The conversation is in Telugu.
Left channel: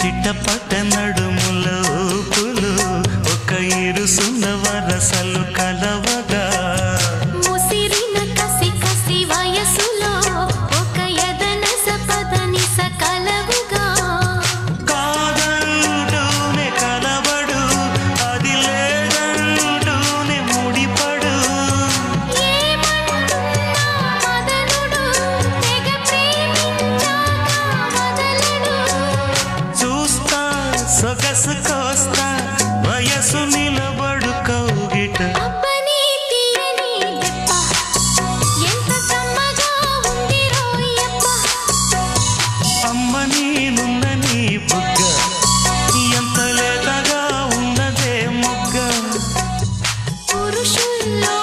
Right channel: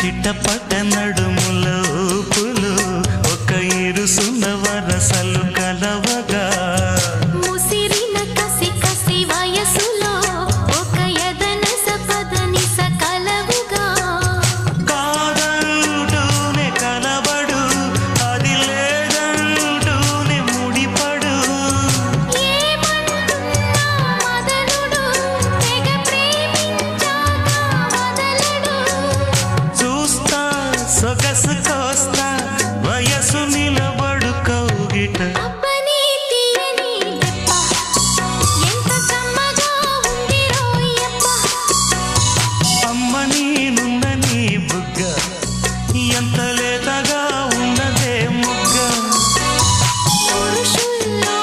చిట్టపట్ట నడుముల ఊపులు ఒక ఇరుసున్న వరసలు కలవగా ముసిరిన కసి కసి వయసులో ఒక యదన సపదని సకలవుగా కాదంటూనే కలబడు అది లేదంటూనే ముడిపడు ఏమంటున్నా మదనుడు తెగ ప్రేమించాక వదలడు చూస్తా సొగసు కోస్తా వయసు నిలబడు కౌగిట అబ్బని తీయని దెబ్బ ఎంత కమ్మగా ఉంది రోయప్ప అమ్మ నేనుందని బుగ్గ ఎంత లేతగా ఉన్నదే మొగ్గ పురుషుల్లో